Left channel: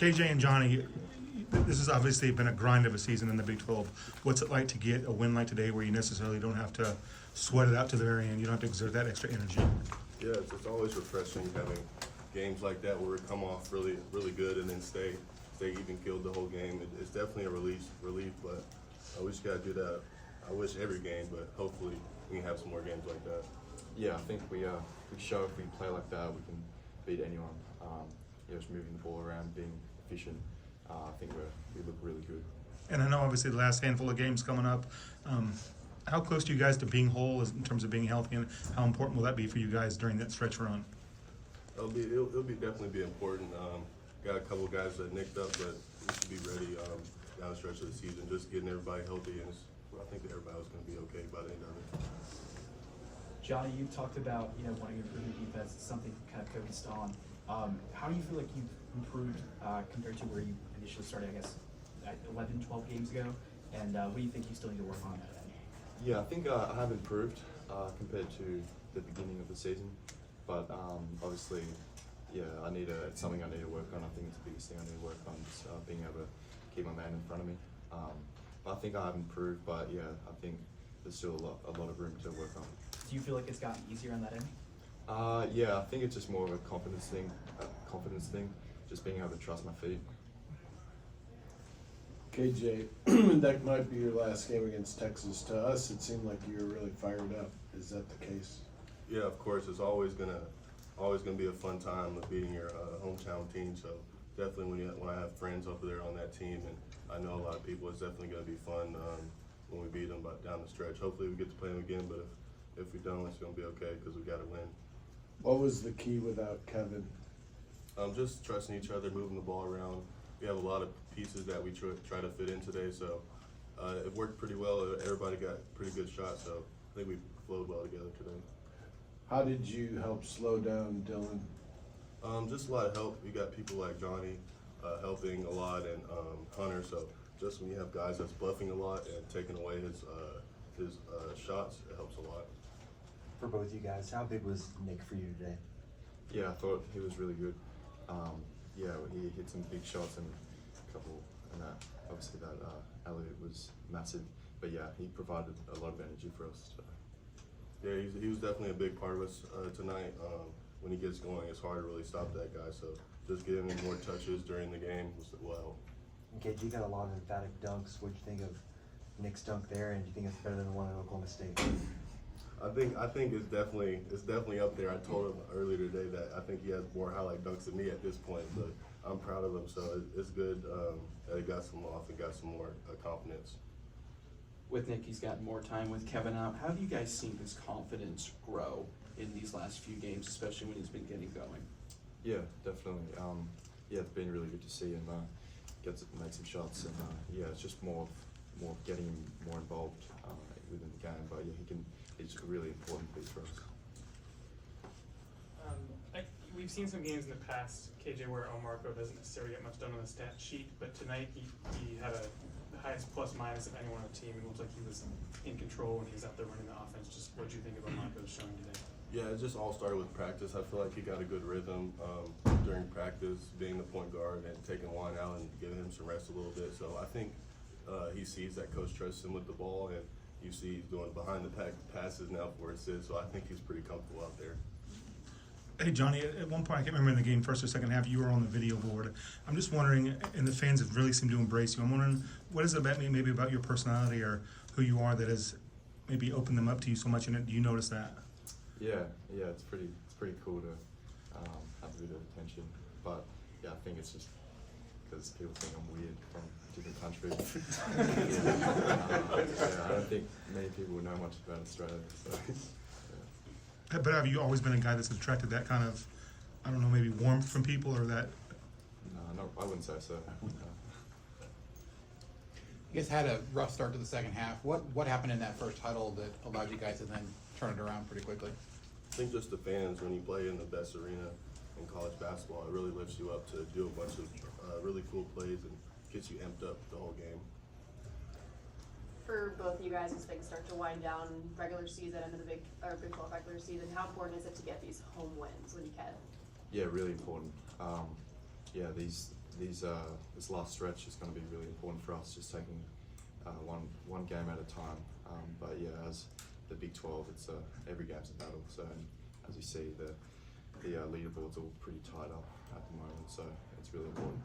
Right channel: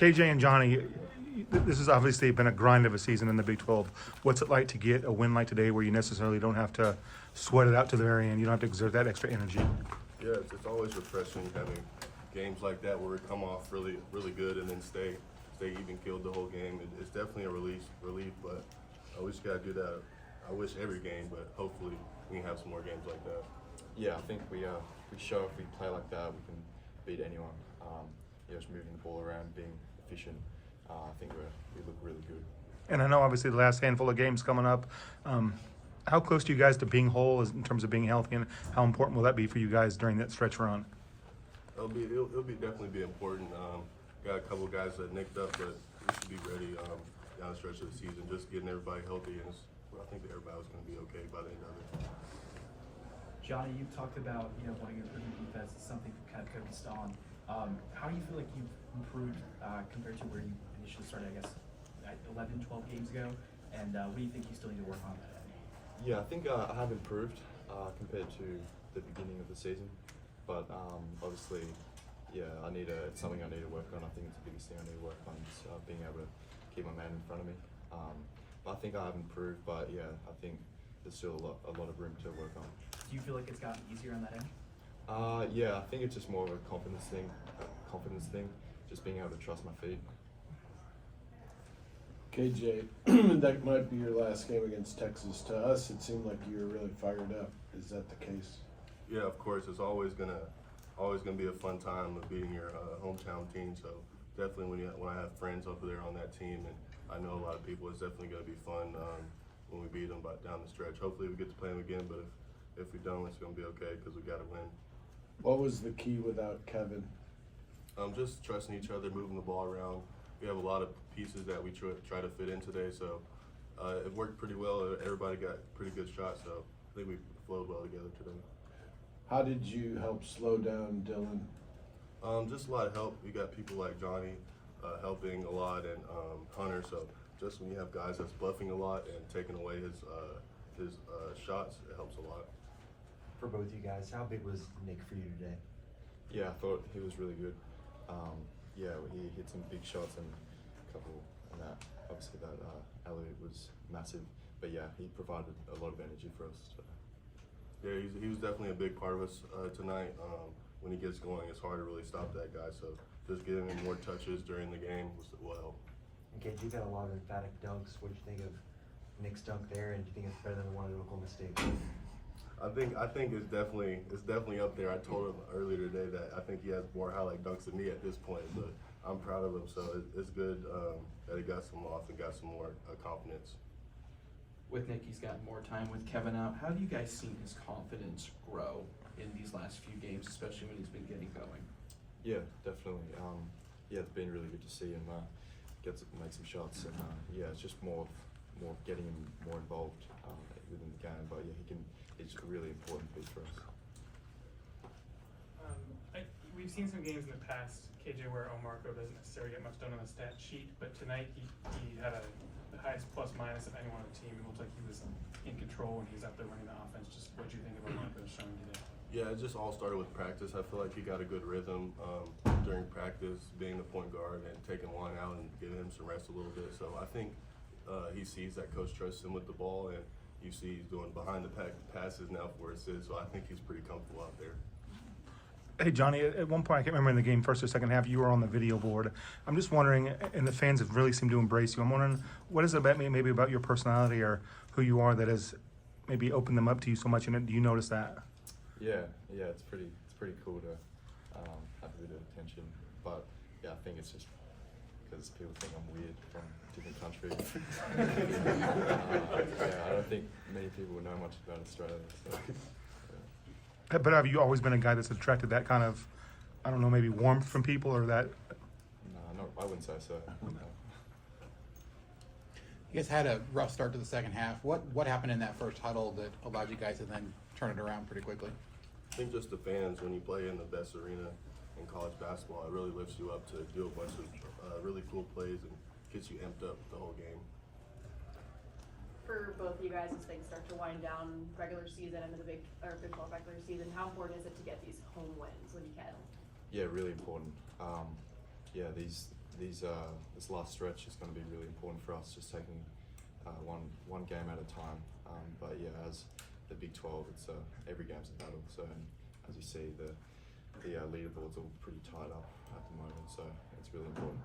KJ and Johnny, this has obviously been a grind of a season in the Big 12. What's it like to get a win like today where you necessarily don't have to sweat it out to the very end? You don't have to exert that extra energy. Yeah, it's always refreshing having games like that where we come off really good and then stay even killed the whole game. It's definitely a relief, but we just got to do that. I wish every game, but hopefully we can have some more games like that. Yeah, I think we show if we play like that, we can beat anyone. Just moving the ball around, being efficient. I think we look really good. And I know obviously the last handful of games coming up. How close are you guys to being whole in terms of being healthy, and how important will that be for you guys during that stretch run? It'll definitely be important. Got a couple guys that nicked up, but we should be ready down the stretch of the season. Just getting everybody healthy, and I think that everybody was going to be okay by the end of it. Johnny, you talked about wanting to improve your defense. It's something you kind of focused on. How do you feel like you've improved compared to where you initially started? I guess at 11, 12 games ago. And what do you think you still need to work on? Yeah, I think I have improved compared to the beginning of the season, but obviously, yeah, it's something I need to work on. I think it's the biggest thing I need to work on, just being able to keep my man in front of me. But I think I have improved, but yeah, I think there's still a lot of room to work on. Do you feel like it's gotten easier on that end? Yeah, I think it's just more of a confidence thing, just being able to trust my feet. KJ, that might be your last game against Texas. To us, it seemed like you were really fired up. Is that the case? Yeah, of course. It's always gonna be a fun time of beating your hometown team. So definitely when I have friends over there on that team, and I know a lot of people, it's definitely gonna be fun when we beat them down the stretch. Hopefully we get to play them again, but if we don't, it's gonna be okay because we got to win. What was the key without Kevin? Just trusting each other, moving the ball around. We have a lot of pieces that we try to fit in today, so it worked pretty well. Everybody got pretty good shots, so I think we flowed well together today. How did you help slow down Dylan? Just a lot of help. You got people like Johnny helping a lot, and Hunter. So just when you have guys that's bluffing a lot and taking away his shots, it helps a lot. For both you guys, how big was Nick for you today? Yeah, I thought he was really good. Yeah, he hit some big shots and a couple, and that obviously that alley was massive. But yeah, he provided a lot of energy for us. So. Yeah, he was definitely a big part of us tonight. When he gets going, it's hard to really stop that guy. So just giving him more touches during the game will help. Okay, you got a lot of emphatic dunks. What do you think of Nick's dunk there, and do you think it's better than the one at Oklahoma State? I think it's definitely up there. I told him earlier today that I think he has more highlight dunks than me at this point, but I'm proud of him. So it's good that he got some off and got some more confidence. With Nick, he's got more time with Kevin out. How have you guys seen his confidence grow in these last few games, especially when he's been getting going? Yeah, definitely. Yeah, it's been really good to see him make some shots, and yeah, it's just more of getting him more involved within the game. But yeah, it's a really important piece for us. We've seen some games in the past, KJ, where Omarco doesn't necessarily get much done on the stat sheet, but tonight he had the highest plus minus of anyone on the team. It looked like he was in control and he was out there running the offense. Just what do you think of Omarco showing today? Yeah, it just all started with practice. I feel like he got a good rhythm during practice, being the point guard and taking one out and giving him some rest a little bit. So I think he sees that coach trusts him with the ball, and you see he's doing behind the pack passes now for assists. So I think he's pretty comfortable out there. Hey, Johnny, at one point, I can't remember in the game, first or second half, you were on the video board. I'm just wondering, and the fans have really seemed to embrace you. I'm wondering, what is it about me, maybe about your personality or who you are that has maybe opened them up to you so much, and do you notice that? Yeah, it's pretty cool to have a bit of attention. But yeah, I think it's just because people think I'm weird from different countries. Yeah, I don't think many people know much about Australia. So. But have you always been a guy that's attracted that kind of, I don't know, maybe warmth from people or that? No, I wouldn't say so. You guys had a rough start to the second half. What happened in that first huddle that allowed you guys to then turn it around pretty quickly? I think just the fans, when you play in the best arena in college basketball, it really lifts you up to do a bunch of really cool plays and gets you amped up the whole game. For both you guys as things start to wind down, regular season into the Big 12 regular season, how important is it to get these home wins when you can? Yeah, really important. Yeah, these this last stretch is going to be really important for us, just taking one game at a time. But yeah, as the Big 12, it's every game's a battle. So and as you see, the leaderboard's all pretty tied up at the moment. So it's really important.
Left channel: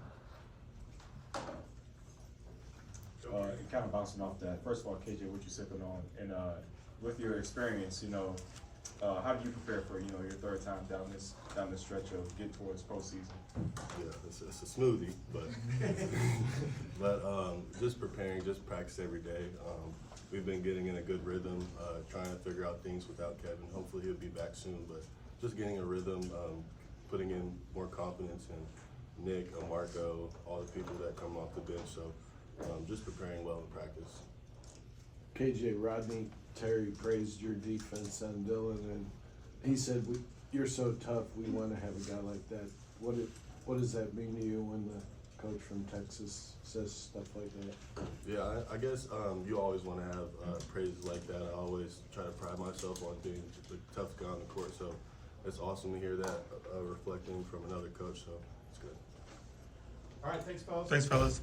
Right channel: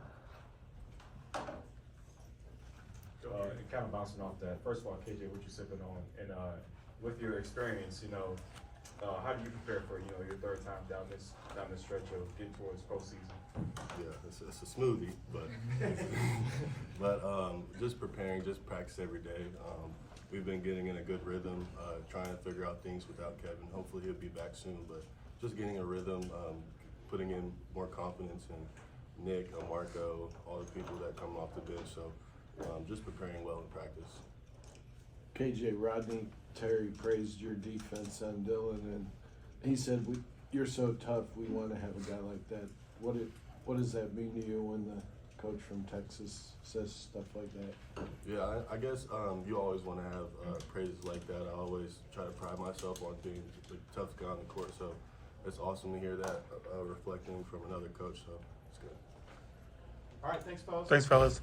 Kind of bouncing off that. First of all, KJ, what you sipping on, and with your experience, how do you prepare for your third time down this stretch of getting towards postseason? Yeah, it's a smoothie, but just preparing, just practice every day. We've been getting in a good rhythm, trying to figure out things without Kevin. Hopefully he'll be back soon, but just getting a rhythm, putting in more confidence in Nick, Marco, all the people that come off the bench. So just preparing well in practice. KJ, Rodney Terry praised your defense and Dylan, and he said, "You're so tough. We want to have a guy like that." What does that mean to you when the coach from Texas says stuff like that? Yeah, I guess you always want to have praises like that. I always try to pride myself on being the toughest guy on the court. So it's awesome to hear that reflecting from another coach. So it's good. All right, thanks, fellas. Thanks, fellas.